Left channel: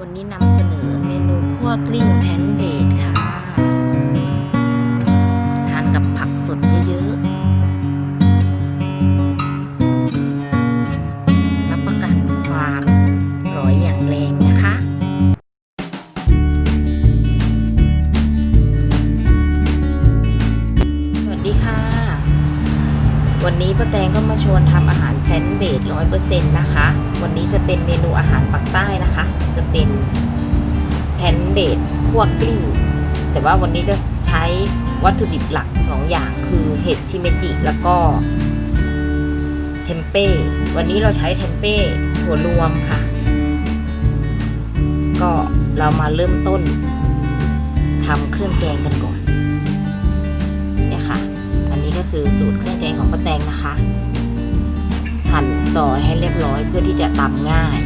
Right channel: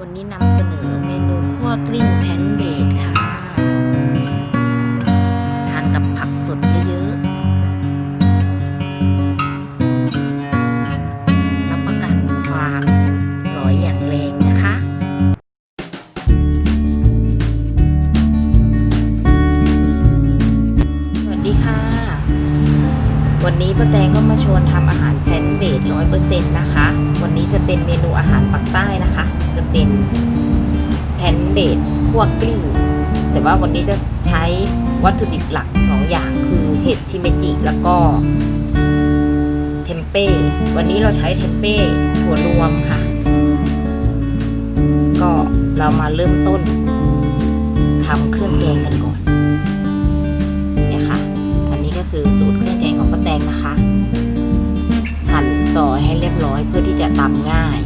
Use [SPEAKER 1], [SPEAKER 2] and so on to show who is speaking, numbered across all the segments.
[SPEAKER 1] วันนี้นำเสนอเมนูคั่วกลิ้งแพนเบดค่ะ ทานกับผักสดเยอะๆ รับประกันความอร่อยอย่างแรงนะคะ วันนี้ป้าแตงก็มาชวนทำอาหารแพลนเบดร้อยเปอร์เซ็นต์นะคะ วันนี้จะเป็นเมนูอาหารปักใต้นะคะ จะเป็นแพลนเบดคั่วกลิ้ง แต่ว่าวันนี้จะใช้วัตถุดิบหลักสองอย่างคือเห็ดชิเมจิแล้วก็เทมเป้ วันนี้เราใช้เทมเป้ถั่วรวมค่ะ ก็เรามาเริ่มต้นทำเครื่องแกงกันก่อน คือสูตรเครื่องแกงของป้าแตงนะคะ หั่นซอยให้เรียบร้อยเพื่อที่จะตำง่าย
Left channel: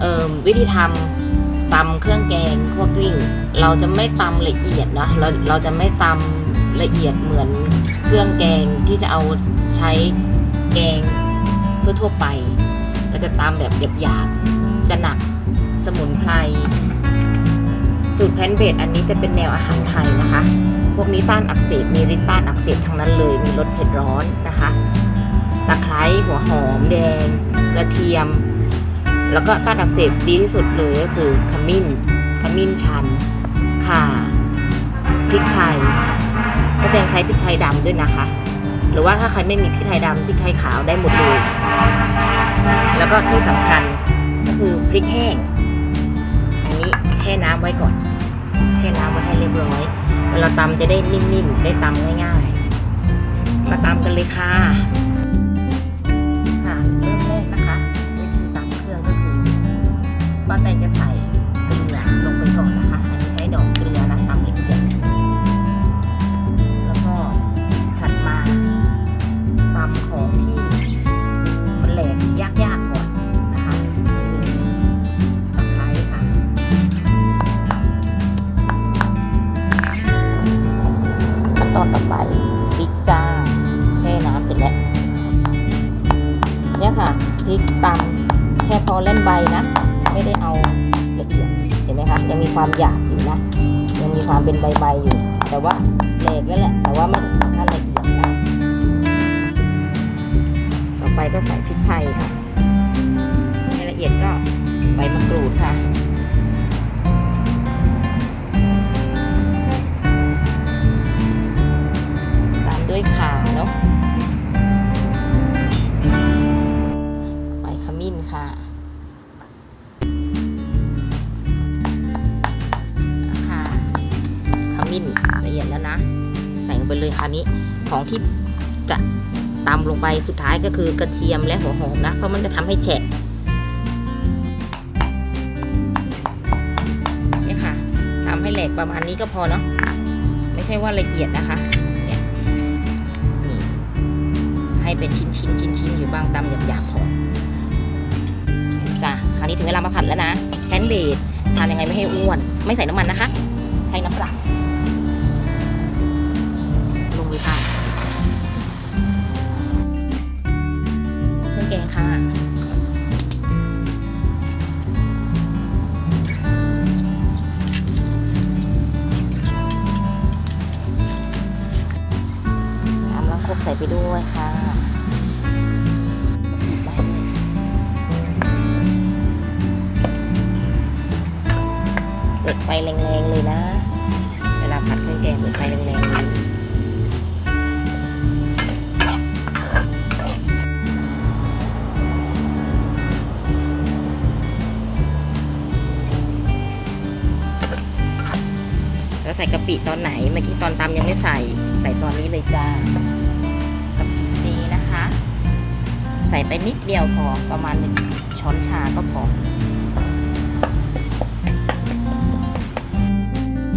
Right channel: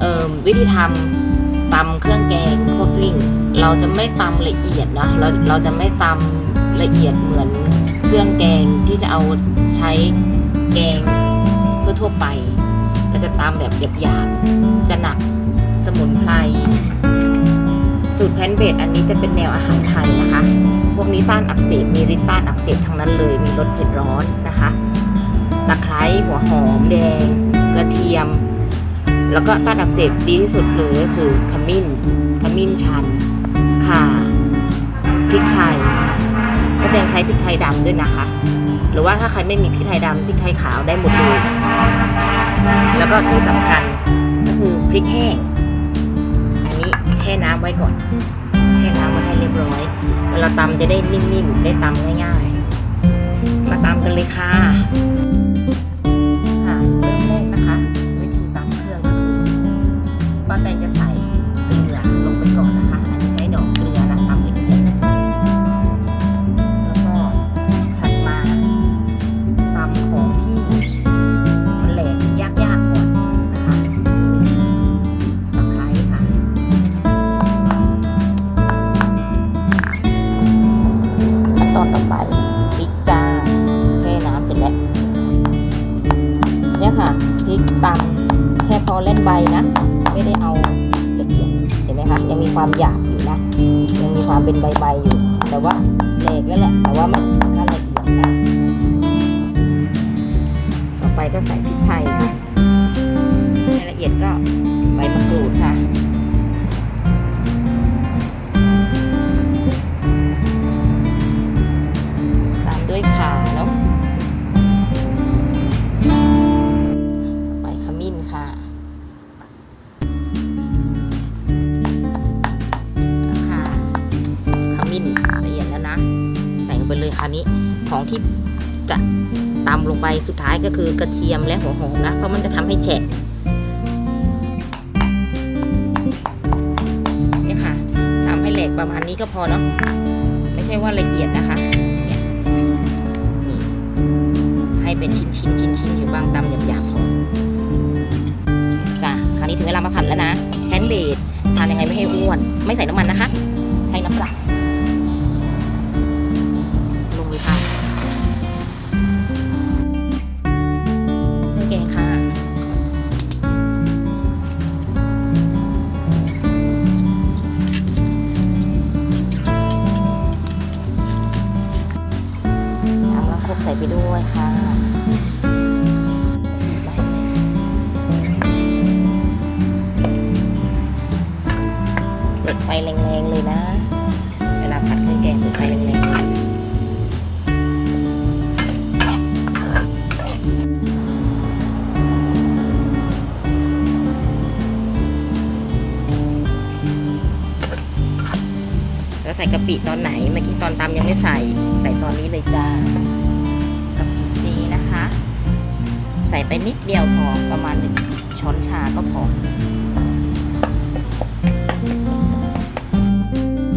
[SPEAKER 1] เอ่อวิธีทำตำเครื่องแกงคั่วกลิ้ง เราจะไม่ตำละเอียดนะเราเราจะไม่ตำละเอียดเหมือนเครื่องแกงที่จะเอาใช้แกงทั่วๆไป เราจะตำแบบหยาบๆจะหนักสมุนไพรสูตรแพนเบดอันนี้จะเป็นแนวอาหารไทยนะคะ พวกนี้ต้านอักเสบมีฤทธิ์ต้านอักเสบทั้งนั้นเลยมีรสเผ็ดร้อนนะคะตะไคร้หัวหอมแดง กระเทียม แล้วก็ต้านอักเสบดีที่สุดเลยก็คือขมิ้นขมิ้นชันข่าพริกไทยก็แตงใช้พริกไทยดำด้วยนะคะ หรือว่าถ้าใครไม่มีพริกไทยดำพริกไทยขาวได้หมดเลยแล้วก็ที่สำคัญก็คือพริกแห้ง อันนี้แช่น้ำไว้ก่อน ช่น้ำไว้ให้เรียบร้อยเวลาตำจะได้นิ่มๆได้ตำง่ายๆ มาตำกันเลยค่ะค่ะเริ่มแรกนะคะ วิธีตำเครื่องก็คือป้าแตงจะใส่เกลือลงไปก่อนนะคะ ค่ะพริกตำแค่พอเล่นใบนะ ไม่ได้เอาละเอียดเห็นไหมคะยังมีความหยาบอยู่นะยังมีความเป็นใบๆอยู่ แต่ว่าแหลกแล้วแหละ แต่ว่าไม่ถึงขั้นละเอียดนะต่อไปก็ใส่พริกไทยค่ะให้ละเอียดก็ใบมะกรูดค่ะตามด้วยขาเนาะ้นละเอียดแล้วนะ ใส่ลงไปเลยคราวนี้ของที่จะตำลงไปสุดท้ายก็คือกระเทียมและหัวหอมนะ เพราะมันจะทำให้แฉะเนี่ยค่ะตำให้แหลกประมาณนี้ก็พอเนาะไม่ใช่ว่าละเอียดนะคะเนี่ยนี่ให้เป็นชิ้นชิ้นชิ้นชิ้นอยู่บ้างตำหยาบๆพอจ้ะคราวนี้ถึงเวลามาผัดแล้วนะแพนเบดทานยังไงไม่ให้อ้วน ไม่ใส่น้ำมันนะคะ ใช้น้ำเปล่า ลงเค่ะเครื่องแกงค่ะ น้ำล้างคกใส่ไปด้วยค่ะเปิดไฟแรงๆเลยนะ เวลาผัดเครื่องแกงเปิดไฟแรงๆ ใส่กะปิตอนไหน เมื่อกี้ตอนตำยังไม่ใส่ ใส่ตอนนี้เลยจ้ากะปิเจนะคะ ใส่ไปนิดเดียวพอประมาณหนึ่งช้อนชาก็พอ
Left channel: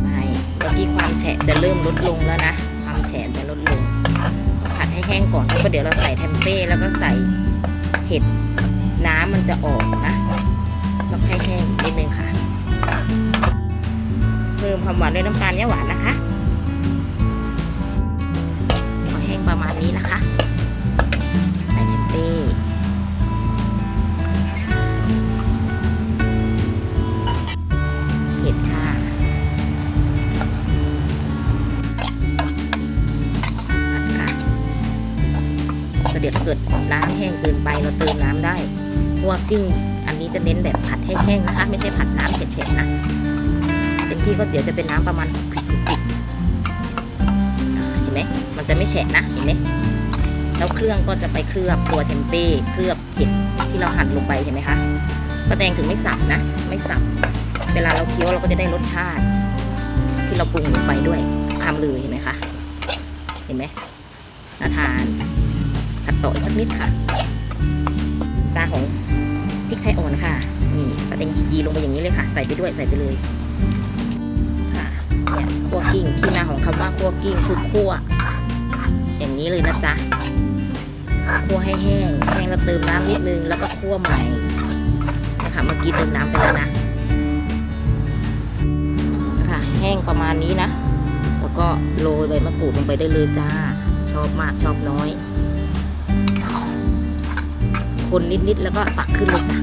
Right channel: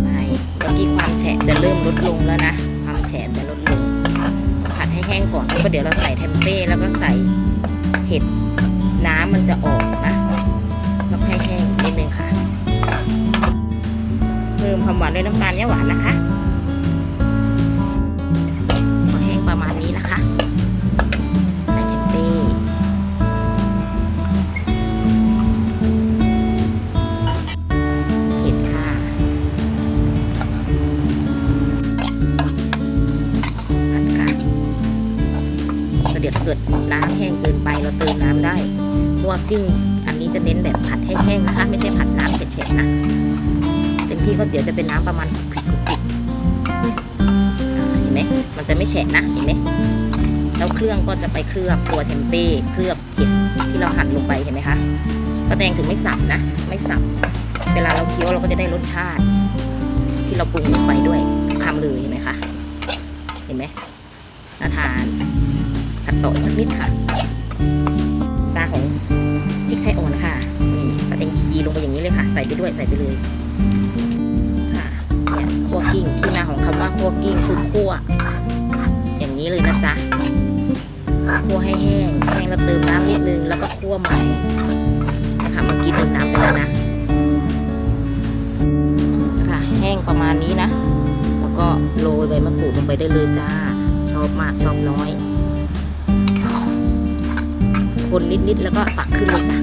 [SPEAKER 1] ไม่เมื่อกี้ความแฉะจะเริ่มลดลงแล้วนะ ความแฉะจะลดลง ผัดให้แห้งก่อนแล้วก็เดี๋ยวเราใส่เทมเป้แล้วก็ใส่เห็ดน้ำมันจะออกนะต้องให้แห้งนิดนึงค่ะ เพิ่มความหวานด้วยน้ำตาลย่าหวานนะคะพอแห้งประมาณนี้นะคะ ใส่เทมเต้เห็ดค่ะผัดค่ะเดี๋ยวเกิดน้ำแห้งเกินไปเราเติมน้ำได้พวกกิ้งอันนี้จะเน้นแบบผัดแห้งๆนะคะ ไม่ใช่ผัดน้ำเผ็ดๆนะ เต็มที่ก็เดี๋ยวจะเป็นน้ำประมาณคลุกๆอ่าเห็นไหมมันจะไม่แฉะนะเห็นไหมแล้วเครื่องก็จะไปเคลือบตัวเทมเป้เคลือบเห็ดที่เราหั่นลงไปเห็นไหมคะป้าแตงถึงไม่สับนะ ไม่สับ เวลาเราเคี้ยวเราก็จะได้รสชาติ ที่เราปรุงลงไปด้วยคำเลยเห็นไหมคะ เห็นไหมน่าทานผัดต่อสักนิดค่ะ ตาของพริกไทยอ่อนค่ะ นี่ปลาแตงยีๆลงไปอย่างนี้เลยค่ะ ใส่ไปด้วยใส่ไปเลย ค่ะเนี่ยคั่วกิ้งที่มาของคำว่าคั่วกิ้งคือคั่วอย่างนี้เลยนะจ๊ะคั่วให้แห้ง แห้งแล้วเติมน้ำนิดนึงแล้วก็คั่วใหม่นะคะเมื่อกี้เติมน้ำไปแล้วนะค่ะแห้งประมาณนี้นะ แล้วก็โรยใบมะกรูดลงไปได้เลยจ้า ชอบมากชอบน้อย คนนิดๆแล้วก็ตักขึ้นเลยจ้ะ